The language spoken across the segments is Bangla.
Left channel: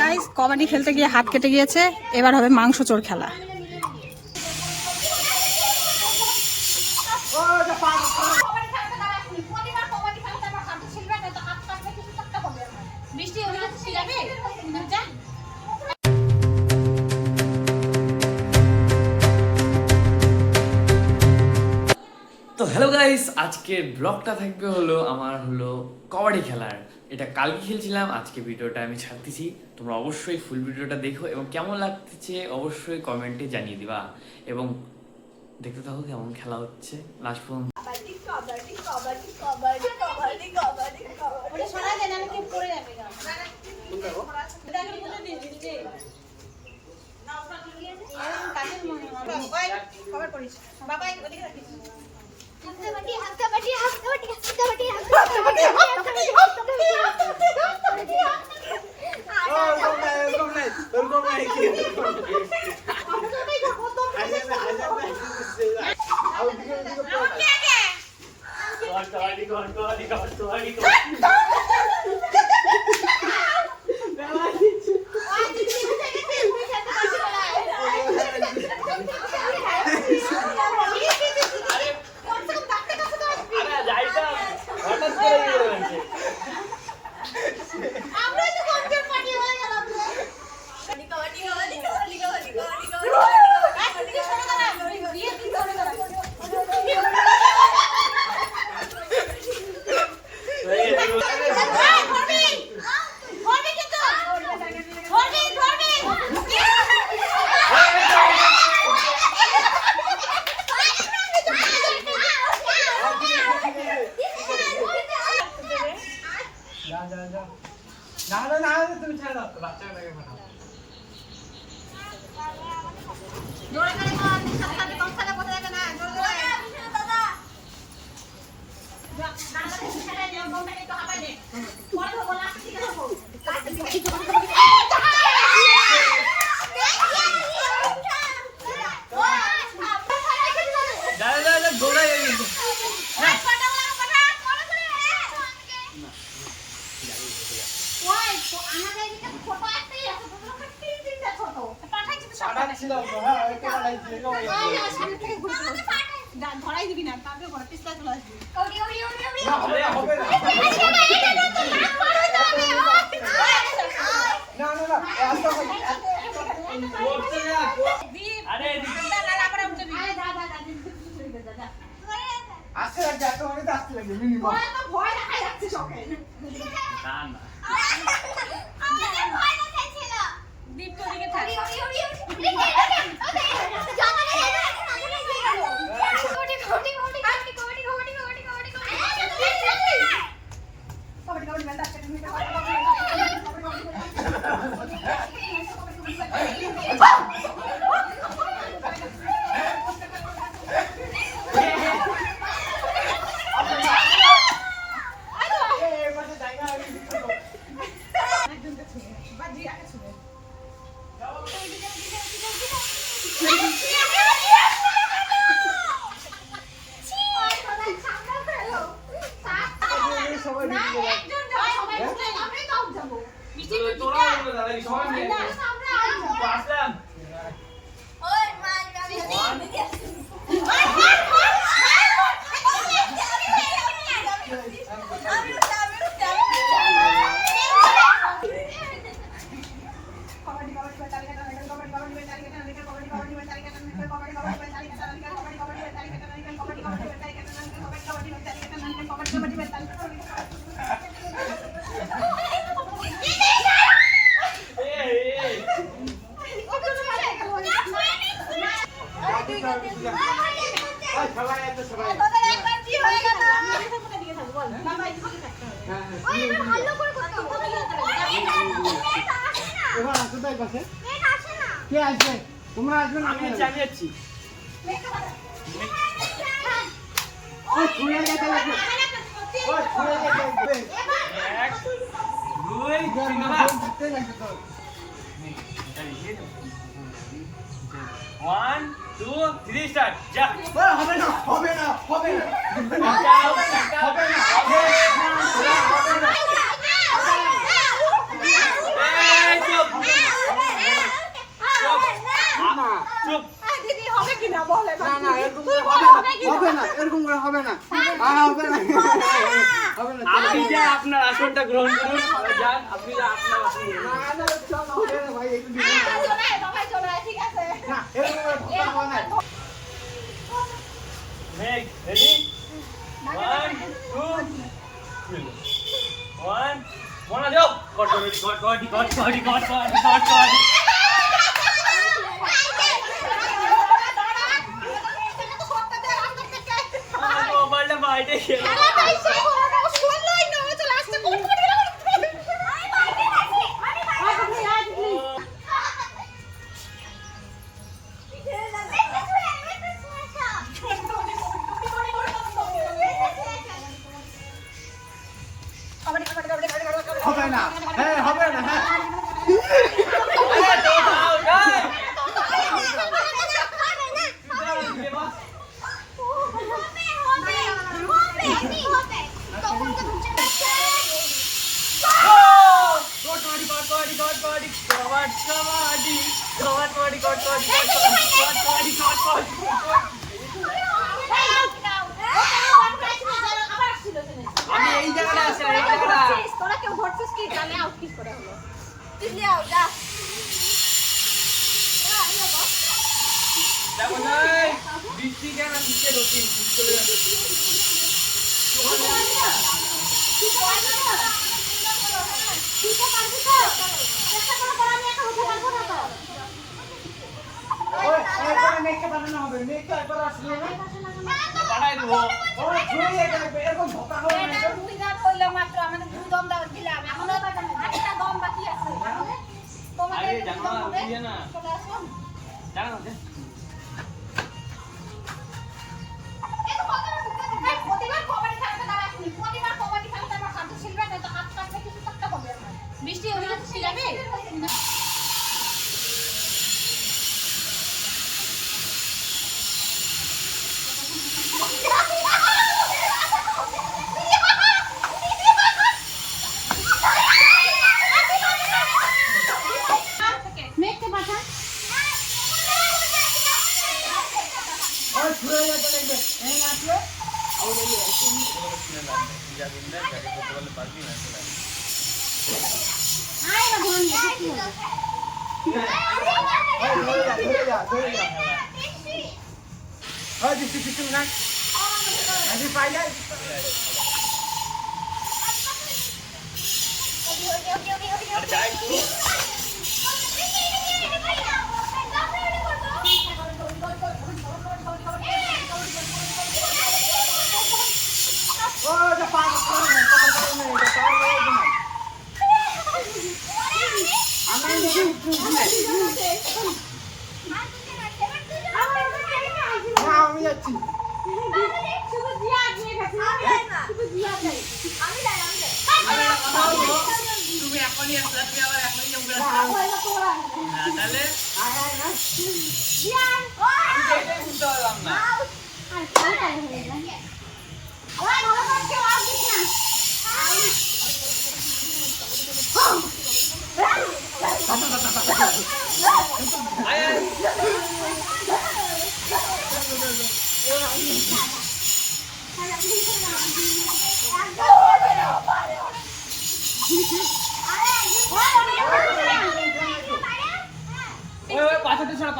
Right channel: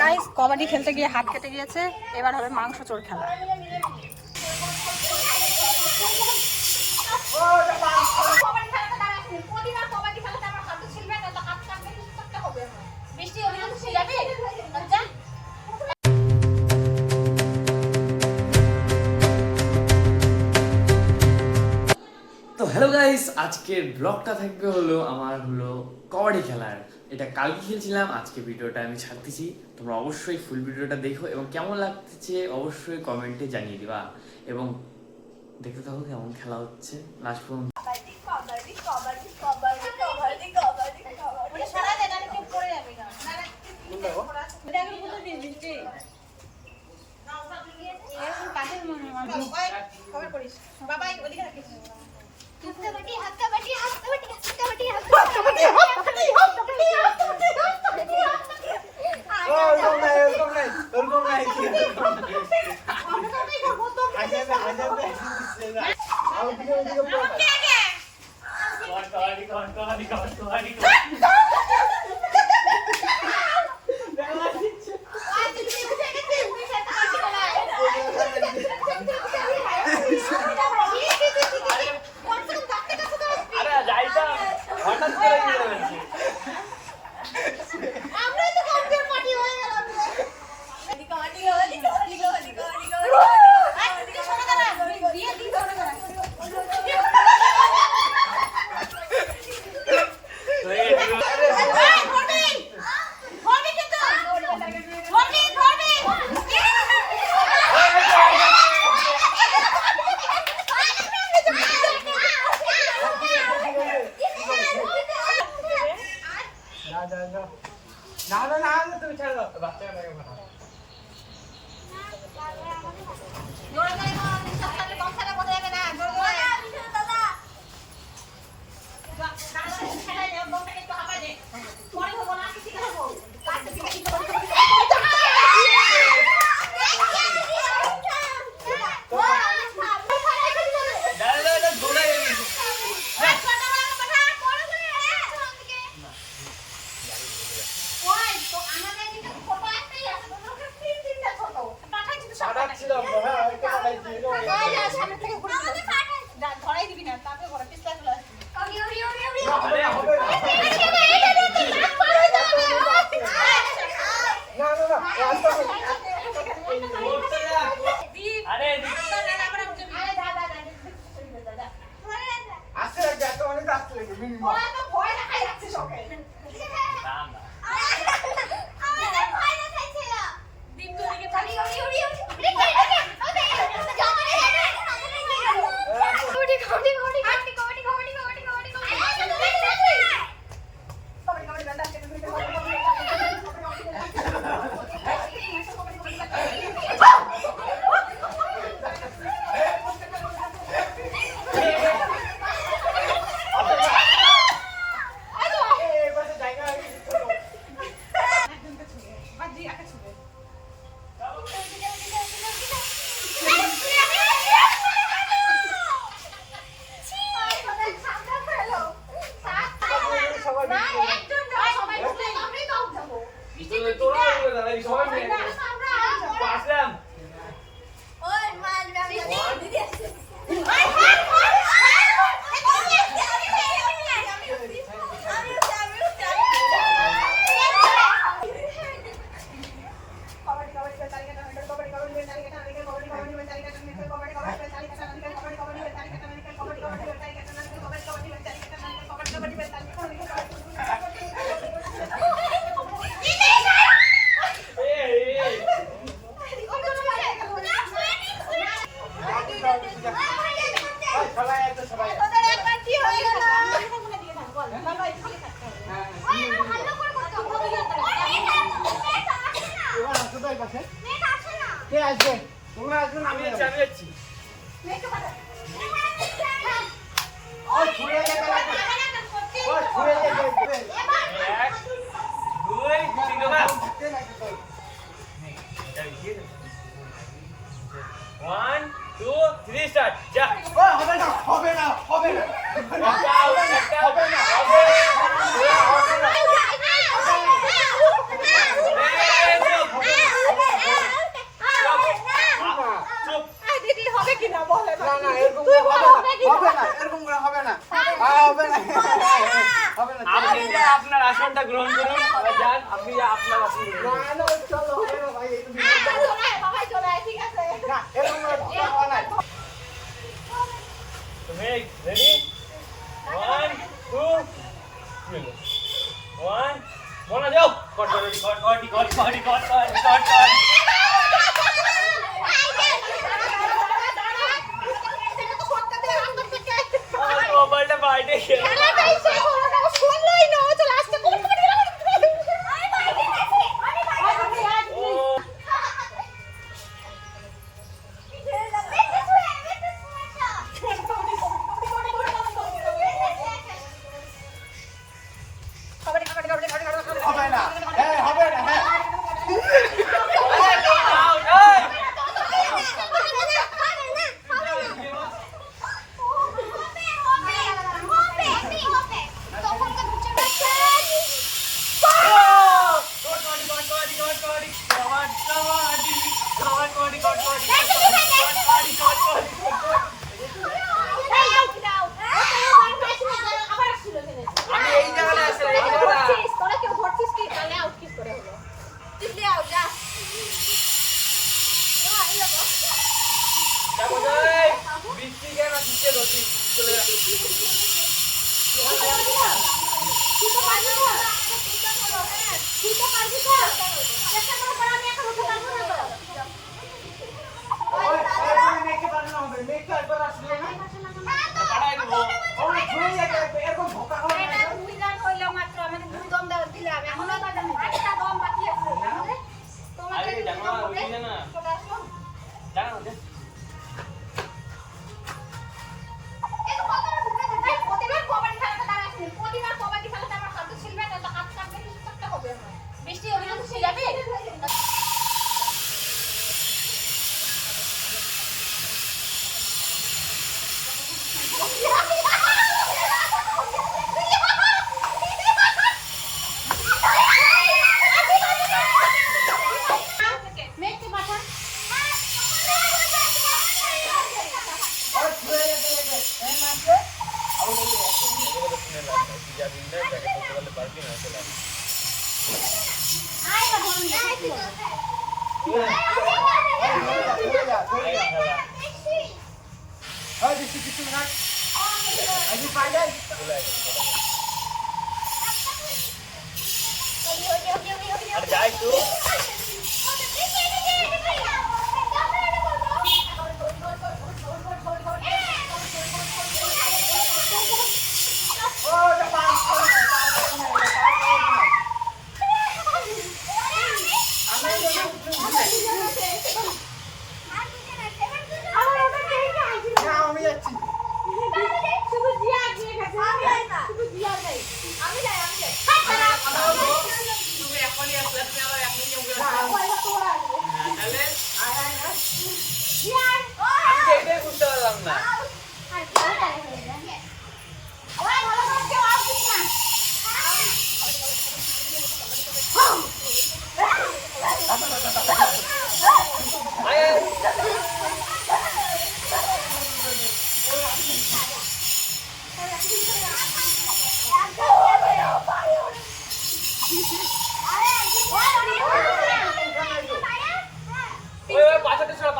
গাইস কবাডি খেলতে গিয়ে হাত কেটে গিয়েছে, এবার হবে মাংস চোর খেলা। তো হ্যালো গাইস, আজকের ব্লগটা থাকবে হলো আমার কবাডি খেলার। এটা কালকে খেলছিলাম, আজকে ভিডিওটা আমি ছাড়তেছি। তোমরা অবশ্যই ফুল ভিডিওটা দেখো এবং কেমন লাগতেছে অবশ্যই কমেন্টে জানিয়ে দিবা এবং দেখতে থাকো কেমন খেলা হচ্ছে লাস্ট পর্যন্ত। তুমি ছেড়ে দাও, বাচ্চাটাকে ফাটাও। ধরাই দিবি না, তাকে ঘরে পিছলা চলে আসবি। কে আসবে? তোমরা আসবে না? আমি যাচ্ছি। ওই ছুঁড়ে যেতে লাগবে। ওই ছুঁড়ে যেতে লাগবে। 1 2 3 না। 1 2 3 স্টার্ট। যা। হবে না, হবে না, হবে না। হবে না, হবে না। এই চুপ। না হবে না হবে না আপনি যে আপনার আসনটা গ্রহণ করুন যান আপনি যে আপনার আসন গ্রহণ করুন। না চলো হবে না ভাই একটু দিন না এরকম করে ধোকা হওয়া নাই Ready? 1, 2, 1. One, go! God. Mobile बाल्टी হবে না হ্যাঁ হবে না হ্যাঁ এই জায়গাটা আছে এই জায়গাটা বৃষ্টি কেন দিচ্ছে ধরছি ওই এরপরে মেকে বানানো হবে মেকে একবার আসলে না বাড়াই দেবো ওই ছুরি লেগে লাগবে এরকম ধোকা হওয়া নাই আরে জানো না উঠি না জানো না বৃষ্টি ওই শিখাবে মেঘকে পাঠা ওই ছুরি লেগে এই আসলে আয় না ধনি ওই দিছি কিছু না আজি পাইলে আর যাই তো ও এটা পানি আমি আমি যাচ্ছি তুমি এখনই আসলে তুমি আবার এখনই কেমন করে তাহলে এটাই বুঝতে পারলাম না ওই পাথরটা ছড়া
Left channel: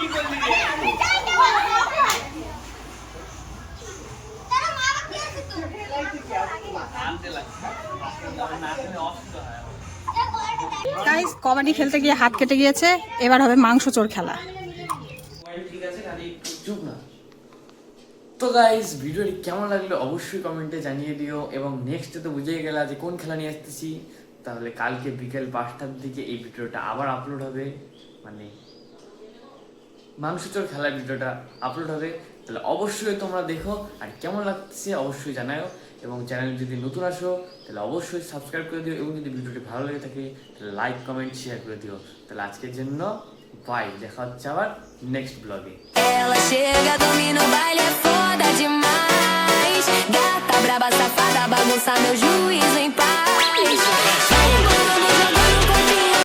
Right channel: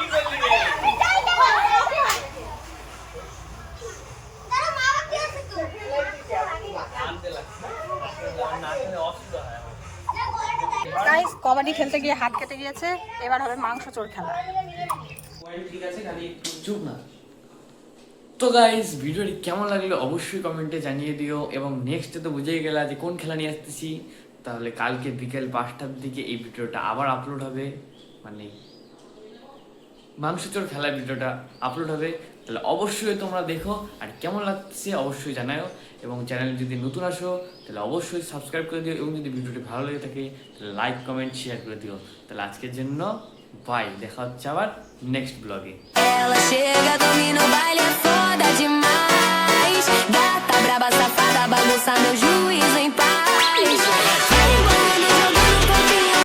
কি করলি রে আনতে লাগে না দিলে অসুবিধা হয় গাইস কবাডি খেলতে গিয়ে হাত কেটে গিয়েছে, এবার হবে মাংস চোর খেলা। ঠিক আছে খালি চুপ না। তো গাইস ভিডিওটি কেমন লাগলো অবশ্যই কমেন্টে জানিয়ে দিও এবং নেক্সটে তো বুঝেই গেলা যে কোন খেলা নিয়ে আসতেছি। তাহলে কালকে বিকেল 5টার দিকে এই ভিডিওটা আবার আপলোড হবে, মানে মাংসচোর খেলার ভিডিওটা আপলোড হবে। তাহলে অবশ্যই তোমরা দেখো, আর কেমন লাগছে অবশ্যই জানাও, এবং চ্যানেলে যদি নতুন আসো তাহলে অবশ্যই সাবস্ক্রাইব করে দিও, এবং যদি ভিডিওটি ভালো লেগে থাকে তাহলে লাইক কমেন্ট শেয়ার করে দিও। তাহলে আজকের জন্য বাই, দেখা হচ্ছে আবার নেক্সট ব্লগে। Ela chega, domina o baile, é foda demais. Gata braba, safada, bagunça meu juízo em paz.